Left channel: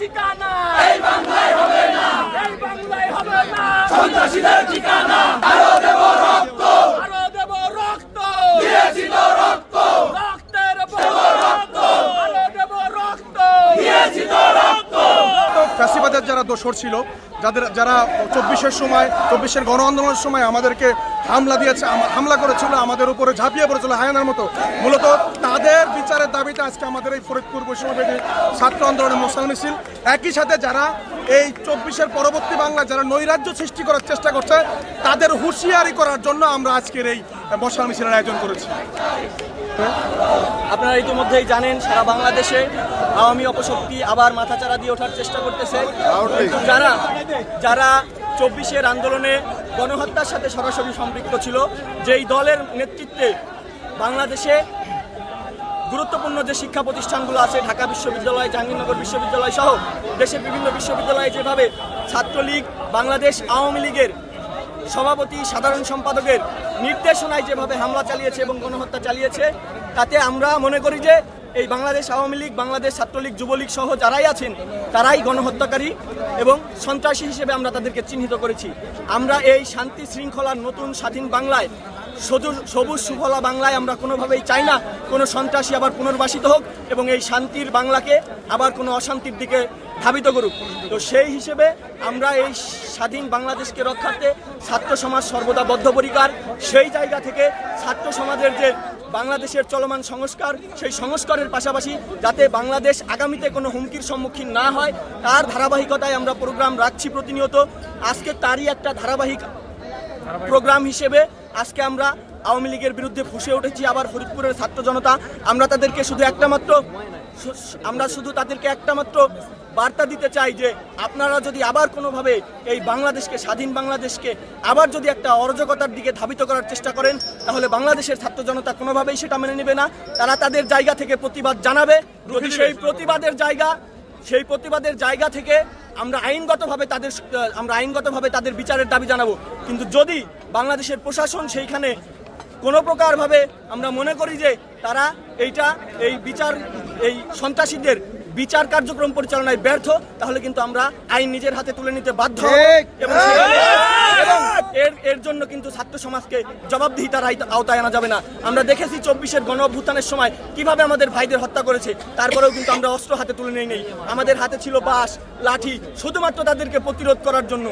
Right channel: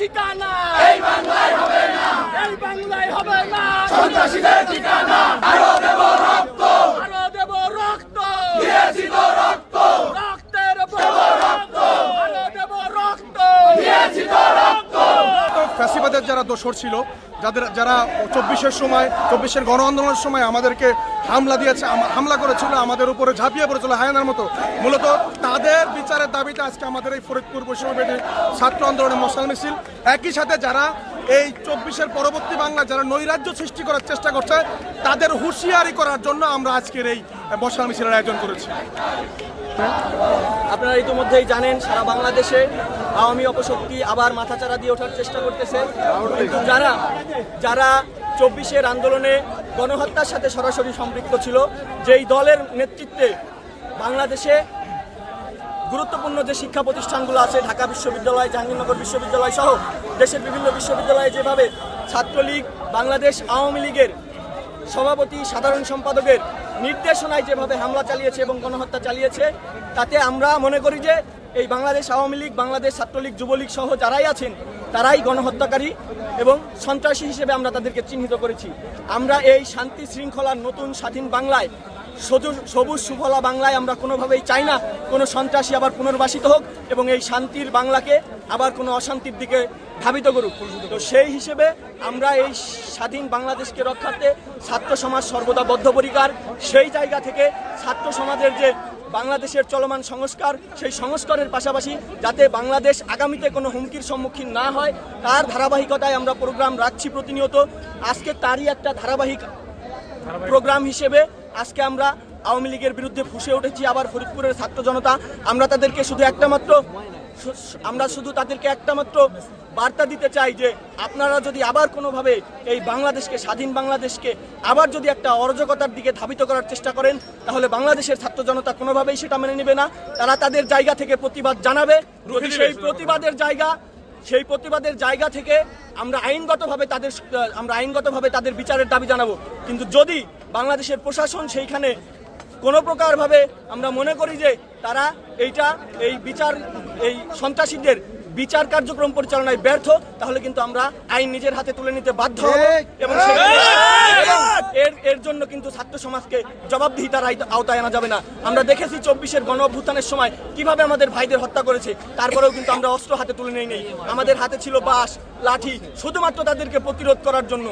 ঠিকানা এই বাংলায় হবে না, এই বাংলায় হবে না সন্ত্রাসীদের ঠিকানা। আরো দেব রক্ত, আরো দেব রক্ত, দিয়েছি তো রক্ত, রক্তের রক্ত, আরো দেব রক্ত, দিয়েছি তো রক্ত। ফ্যাসিবাদের যারা দোসর ছিল, যারা 24-এর গণ আন্দোলনের সময় আমাদেরকে হামলা করেছিল, আমাদের উপরে ঝাঁপিয়ে পড়েছিল হায়নার মতো, মূলত তাদের বিচারের দাবিতে আজকে আমাদের এই ফরিদপুর বৈষম্যবিরোধী ছাত্র আন্দোলনের মশাল মিছিল। একই সাথে যারা এই 24-এর পরবর্তী বাংলা যারা নৈরাজ্য সৃষ্টি করার চেষ্টা করছে, তাদের হুঁশিয়ারি করার জন্য আমরা আজকের এই মশাল মিছিলের আয়োজন করেছি। আপনারা ইতিমধ্যেই জানেন, সারা বাংলাদেশে আওয়ামী অপশক্তি আবার মাথাচাড়া দিয়ে ওঠার চেষ্টা করতেছে। কিন্তু যারা 24-এর আন্দোলনে গণহত্যার সাথে সরাসরি সম্পৃক্ত ছিল, যেই দলের নেতৃত্বে বাংলাদেশে গুরুত্বপূর্ণ যে শিক্ষা প্রতিষ্ঠানগুলো আছে, ঢাকা বিশ্ববিদ্যালয়, জাহাঙ্গীরনগর বিশ্ববিদ্যালয় সহ দেশের বিভিন্ন বিশ্ববিদ্যালয়ে যেভাবে ছাত্রলীগ, বাংলাদেশ আওয়ামী লীগের সভাপতি, সাধারণ সম্পাদকের নির্দেশনায় যেভাবে হামলা চালিয়েছে এবং গণহত্যা চালিয়েছে, তাতে আমরা মনে করি যে এই বাংলাদেশ আওয়ামী লীগ, বাংলাদেশ ছাত্রলীগ, যুবলীগ সহ যারাই আছেন তারাই গণহত্যাকারী এবং সন্ত্রাসী হিসেবে আমরা তাদেরকে চিহ্নিত করেছি। আমরা এই শান্তি শৃঙ্খলার নতুন স্বাধীন বাংলায়, সবুজ সুফলা বাংলায় আমরা কোনোভাবেই চাই না কোনো সন্ত্রাসী আবার পুনর্বাসিত হোক এবং এই শান্তির বাংলাকে আবার কোনো অশান্তির দিকে ধাবিত করুক। তো সেই হিসেবে আমরা এই স্বাধীন বাংলাদেশকে রক্ষার্থে ছাত্র সমাজ সর্বদা বদ্ধপরিকর। সেই জায়গা থেকে ছাত্র সমাজের যে বাংলাদেশের চলমান সংস্কার, সেই সংস্কারের পাশাপাশি যাতে বাংলাদেশ আগামীতে কোনো হুমকির সম্মুখীন না হয়, তার ধারাবাহিকতায় আমরা প্রোগ্রাম রাখছি প্রতিনিয়ত। আজকে তারই একটা ধারাবাহিক প্রোগ্রাম হিসেবে আজকে আমরা আওয়ামী লীগের বিরুদ্ধে ফুঁসে উঠেছি আবার ফরিদপুরের ছাত্র জনতা। আমরা তাদেরকে একটা মাত্র বার্তা দিতে চাই যে আপনারা যদি আবার কোনোভাবে এই বাংলাদেশকে, স্বাধীন বাংলাদেশকে আবার যদি একটা অরাজকতার দিকে ধাবিত করার চেষ্টা করেন, তাহলে বাংলাদেশের ছাত্র জনতা কোনোভাবেই সেটা মেনে নেবে না। তারা তাদের জায়গা থেকে প্রতিবাদ জানাবে। যদি সেই প্রতিবাদের জায়গা থেকে আমরা আইনগতভাবে তাদের বিচারের দাবি জানাবো। কিন্তু যদি বাংলাদেশের প্রশাসন সেইখানে কোনো প্রকারভাবে আমরা মনে করি যে তারা এই সন্ত্রাসীদের বিচার কার্যক্রম পরিচালনায় ব্যর্থ, তাহলে কিন্তু আমরা আইন নিজের হাতে তুলে নিতে বাধ্য হব এবং এর জন্য কিন্তু ছাত্র সমাজকে জবাবদিহিতার আওতায় আনা যাবে না। আমরা দেখেছি 24-এর গণ অভ্যুত্থানের সময় কিভাবে আমাদের ভাইদের হত্যা করেছে, তারপরেও কিন্তু আমরা অস্ত্র হাতে তুলে নেই। আমাদের হাতে ছিল বাঁশ, লাঠি, শুধুমাত্র তাদেরকে প্রতিরোধ করার জন্য।